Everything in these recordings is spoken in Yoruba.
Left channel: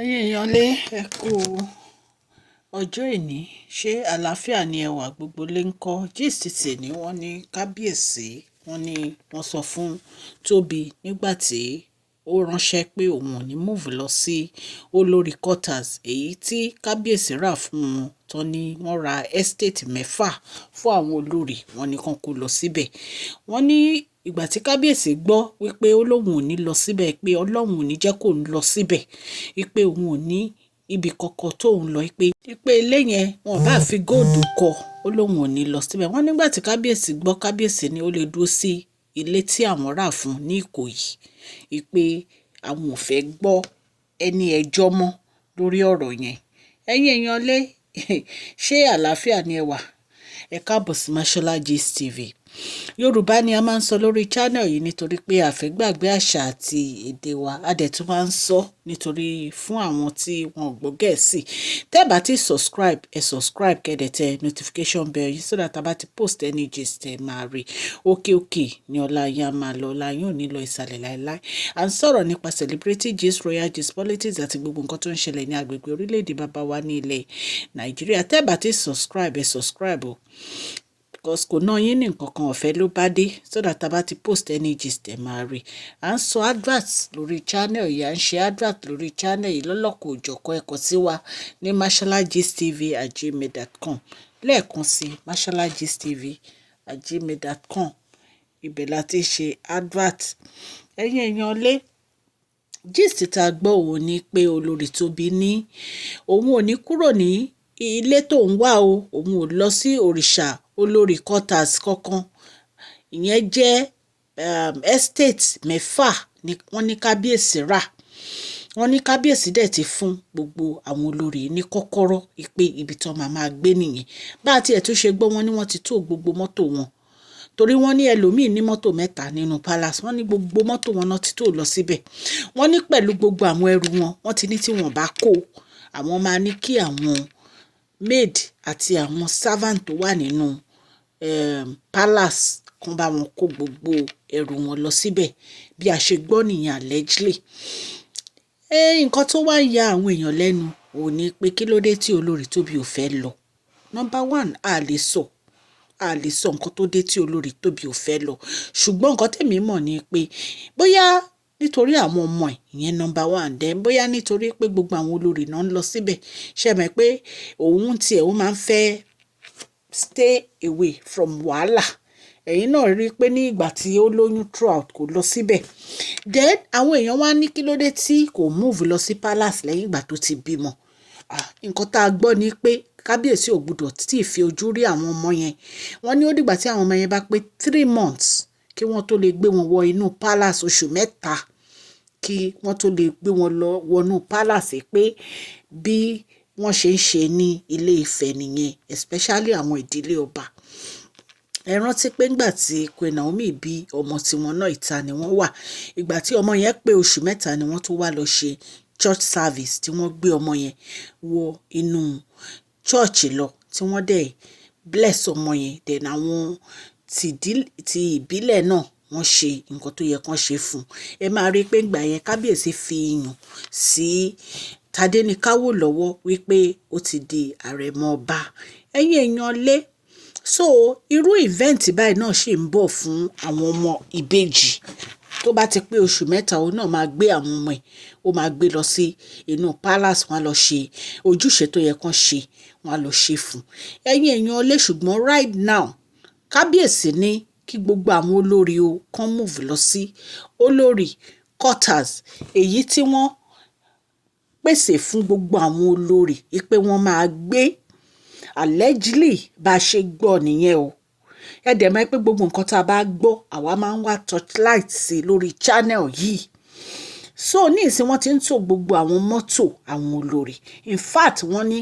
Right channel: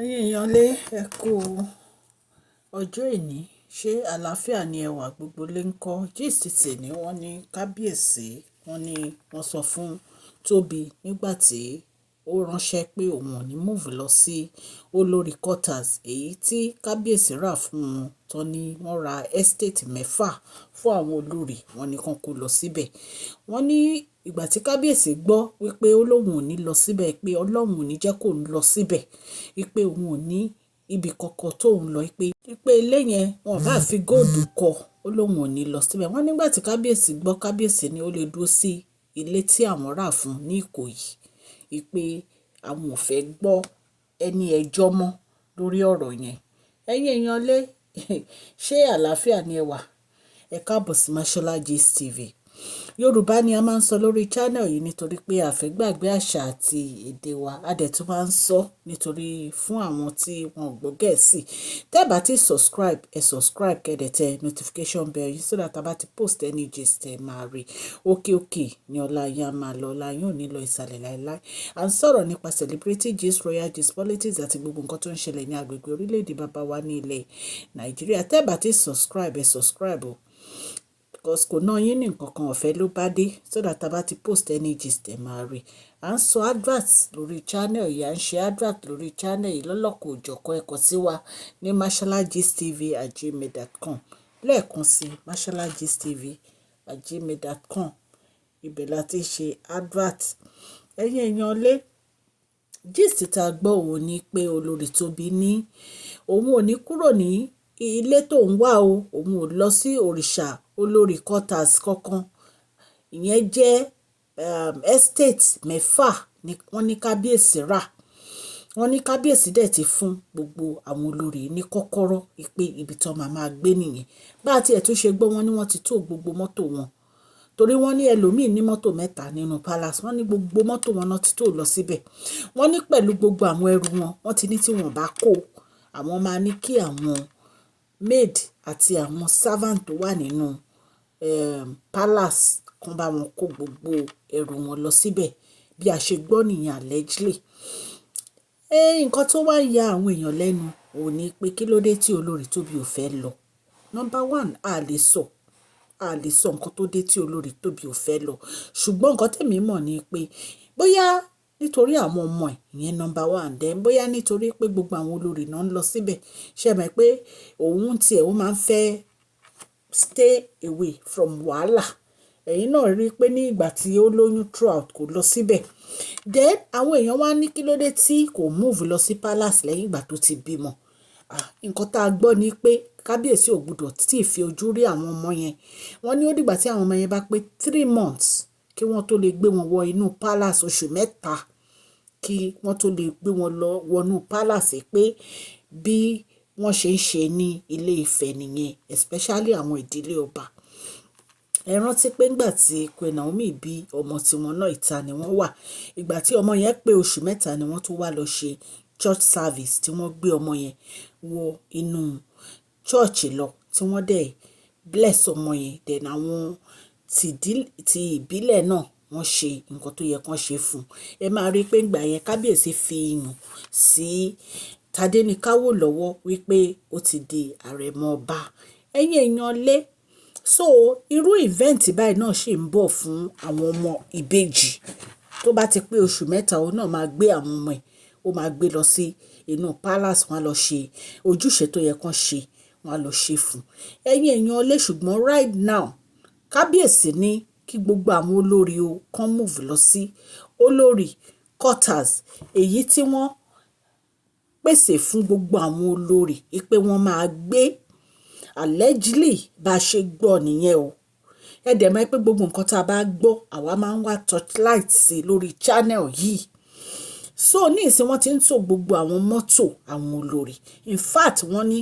Ẹ̀yin èèyàn lé ẹ kú ọjọ́ ìní ṣé àlàáfíà ni ẹwà gbogbo lè ń kọ́ gist tèmi wọ́n ní kábíyèsí wọ́n ní wọ́n sọ fún Tóbi nígbà tí ó ránṣẹ́ pé òun ò ní move lọ sí olórí quarters èyí tí kábíyèsí rà fún wọn tán ni wọ́n ra estate mẹ́fà fún àwọn olórí wọn ní kán kó lọ síbẹ̀ wọ́n ní ìgbà tí kábíyèsí gbọ́ wípé ó lóun ò ní lọ síbẹ̀ pé ọlọ́run ò ní jẹ́ kó lọ síbẹ̀ wípé òun ò ní ibi kankan tóun lọ pé ilé yẹn wọn bá fi góòdù kọ́ ó lóun ò ní lọ síbẹ̀ wọ́n nígbà tí kábíyèsí gbọ́ kábíyèsí ni ó lè dúró sí ilé tí àwọn rà fún ní Ìkòyí wípé àwọn ò fẹ́ gbọ́ ẹni ẹjọ́ mọ́ lórí ọ̀rọ̀ yẹn ẹ̀yin èèyàn lé ṣé àlàáfíà ni ẹ wà ẹ káàbọ̀ sí Mashola Gist TV Yorùbá ni a máa ń sọ lórí channel yìí nítorí pé a fẹ́ gbàgbé àṣà àti èdè wa a dẹ̀ tún máa ń sọ nítorí fún àwọn tí wọn ò gbọ́ Gẹ̀ẹ́sì tẹ́ bá ti subscribe kẹ́dẹ̀ tẹ notification bell yìí so that a bá ti post any gist ẹ máa rí òkè ni ọlá yín á máa lọ ọlá yín ò ní lọ ìsàlẹ̀ láéláé à ń sọ̀rọ̀ nípa celebrity gist royal gist politics àti gbogbo nǹkan tó ń ṣẹlẹ̀ ní agbègbè orílẹ̀-èdè bàbá wa ní ilẹ̀ Nàìjíríà tẹ́ bá ti subscribe o because kò ná yín ní nǹkan kan ọ̀fẹ́ ló bá dé so that a bá ti post any gist ẹ̀ máa rí à ń sọ advert lórí channel yìí à ń ṣe advert lórí channel yìí lọ́lọ́kọ̀ òjọ̀kọ́ ẹ̀kọ́ sí wa ní masholagistv@gmail.com lẹ́ẹ̀kan sí masholagistv@gmail.com ibẹ̀ la ti ṣe advert ẹ̀yin èèyàn lé gist tá a gbọ́ òun ni pé Olori Tobi ní òun ò ní kúrò ní ilé tó ń wá o òun ò lọ sí Orisa olórí quarters kankan ìyẹn jẹ́ estate mẹ́fà ni wọ́n ní kábíyèsí rà wọ́n ní kábíyèsí dẹ̀ ti fún gbogbo àwọn olórí ní kọ́kọ́rọ́ pé ibi tí wọ́n máa gbé nìyẹn bá a tiẹ̀ tún ṣe gbọ́ wọn ni wọ́n ti tó gbogbo mọ́tò wọn torí wọ́n ní ẹlòmíì ní mọ́tò mẹ́ta nínú palace wọ́n ní gbogbo mọ́tò wọn náà ti tó lọ síbẹ̀ wọ́n ní pẹ̀lú gbogbo àwọn ẹrù wọn wọ́n ti ní tí wọ́n bá kó àwọn máa ní kí àwọn maid àti àwọn servant tó wà nínú palace kan bá wọn kó gbogbo ẹrù wọn lọ síbẹ̀ bí a ṣe gbọ́ nìyẹn allegedly nǹkan tó wá ń ya àwọn èèyàn lẹ́nu ò ní pé kí ló dé tí Olori Tobi ò fẹ́ lọ number one a lè sọ nǹkan tó dé tí Olori Tobi ò fẹ́ lọ ṣùgbọ́n nǹkan tèmi mọ̀ ni pé bóyá nítorí àwọn ọmọ ẹ̀ ìyẹn number one then bóyá nítorí pé gbogbo àwọn olórí náà ń lọ síbẹ̀ ṣe mọ̀ pé òun tiẹ̀ ó máa ń fẹ́ stay away from wàhálà ẹ̀yin náà rí i pé ní ìgbà tí ó lóyún throughout kò lọ síbẹ̀ then àwọn èèyàn wá ní kí ló dé tí kò move lọ sí palace lẹ́yìn ìgbà tó ti bímọ nǹkan tá a gbọ́ ni pé kábíyèsí ò gbọdọ̀ tí ì fi ojú rí àwọn ọmọ yẹn wọ́n ní ó dìgbà tí àwọn ọmọ yẹn bá pé 3 months kí wọ́n tó lè gbé wọn wọ inú palace oṣù mẹ́ta kí wọ́n tó lè gbé wọn lọ wọnú palace pé bí wọ́n ṣe ń ṣe ní ilé Ifẹ̀ nìyẹn especially àwọn ìdílé ọba ẹ rántí pé ńgbà tí Queen Naomi bí ọmọ tiwọn náà ìta ni wọ́n wà ìgbà tí ọmọ yẹn pé oṣù mẹ́ta ni wọ́n tó wá lọ ṣe church service tí wọ́n gbé ọmọ yẹn wọ inú church lọ tí wọ́n dẹ̀ bless ọmọ yẹn then àwọn ti ìbílẹ̀ náà wọ́n ṣe nǹkan tó yẹ kán ṣe fún ẹ máa rí i pé ńgbà yẹn kábíyèsí fi iyùn sí Tadéníkáwò lọ́wọ́ wípé ó ti di àrẹ̀mọ ọba ẹ̀yin èèyàn lé so irú event báyìí náà ṣì ń bọ̀ fún àwọn ọmọ ìbejì tó bá ti pé oṣù mẹ́ta òun náà máa gbé àwọn ọmọ ẹ̀ ó máa gbé lọ sí inú palace wọn lọ ṣe ojúṣe tó yẹ kán ṣe wọn lọ ṣe fún ẹ̀yin èèyàn lé ṣùgbọ́n right now kábíyèsí ní kí gbogbo àwọn olórí o kán move lọ sí olórí quarters èyí tí wọ́n pèsè fún gbogbo àwọn olórí pé wọ́n máa gbé allegedly bá a ṣe gbọ́ nìyẹn o ẹ dẹ̀ mọ̀ pé gbogbo nǹkan tá a bá gbọ́ àwa máa ń wá torchlight sí lórí channel yìí so ní ìsìn wọ́n ti ń tò gbogbo àwọn mọ́tò àwọn olórí in fact wọ́n ní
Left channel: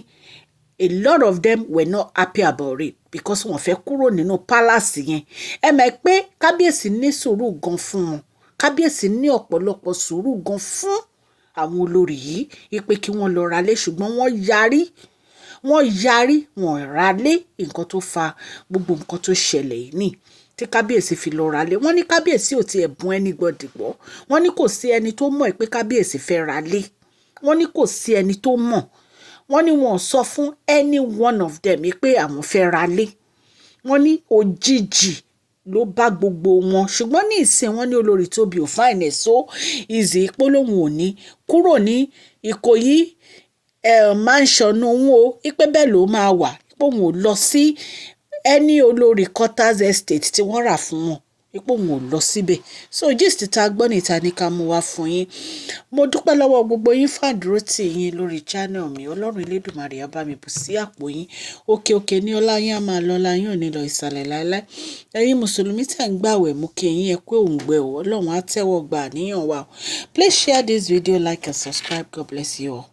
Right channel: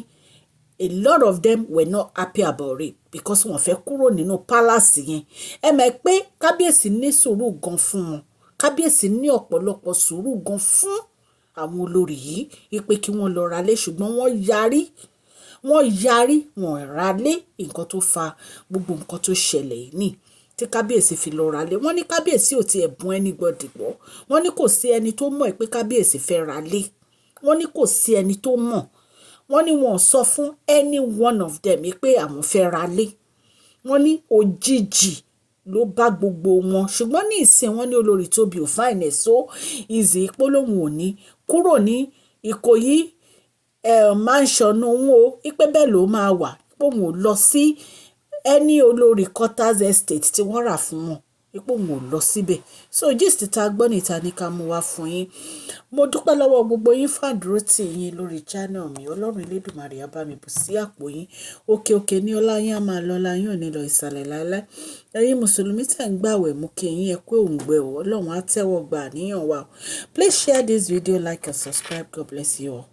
a lot of them were not happy about it because wọ́n fẹ́ kúrò nínú palace yẹn ẹ mọ̀ pé kábíyèsí ní sùúrù gan fún wọn kábíyèsí ní ọ̀pọ̀lọpọ̀ sùúrù gan fún àwọn olórí yìí pé kí wọ́n lọ ralé ṣùgbọ́n wọ́n yarí wọ́n ralé nǹkan tó fa gbogbo nǹkan tó ṣẹlẹ̀ yìí ní tí kábíyèsí fi lọ ralé wọ́n ní kábíyèsí ò tiẹ̀ bùn anybody gbọ́ wọ́n ní kò sí ẹni tó mọ̀ pé kábíyèsí fẹ́ ralé wọ́n ní kò sí ẹni tó mọ̀, wọ́n ní wọn ò sọ fún any one of them pé àwọn fẹ́ ra lé, wọ́n ní òjijì ló bá gbogbo wọn. Ṣùgbọ́n ní ìsìn wọn ní Olori Tobi ò fine ẹ̀ so easy polóhùn òní kúrò ní Ìkòyí mansion òun o, ipe bẹ́ẹ̀ ló máa wà, pé òun ò lọ sí any olórí quarters estate tí wọ́n rà fún wọn, ipò òun ò lọ síbẹ̀. So gist ta gbọ́ níta ní ká mú wá fún yín. Mo dúpẹ́ lọ́wọ́ gbogbo yín fàdúró tì yín lórí channel mi. Ọlọ́run Elédùmarè á bá mi bù sí àpò yín. Òkè òkè ní ọlá yín á máa lọ, ọlá yín ò ní lọ ìsàlẹ̀ láéláé. Ẹ̀yin mùsùlùmí tẹ̀ ń gbàwẹ̀ mú kí yín ẹ kú òǹgbẹ o. Ọlọ́run á tẹ́wọ́ gbà àníyàn wa. Please share this video, like and subscribe. God bless you all.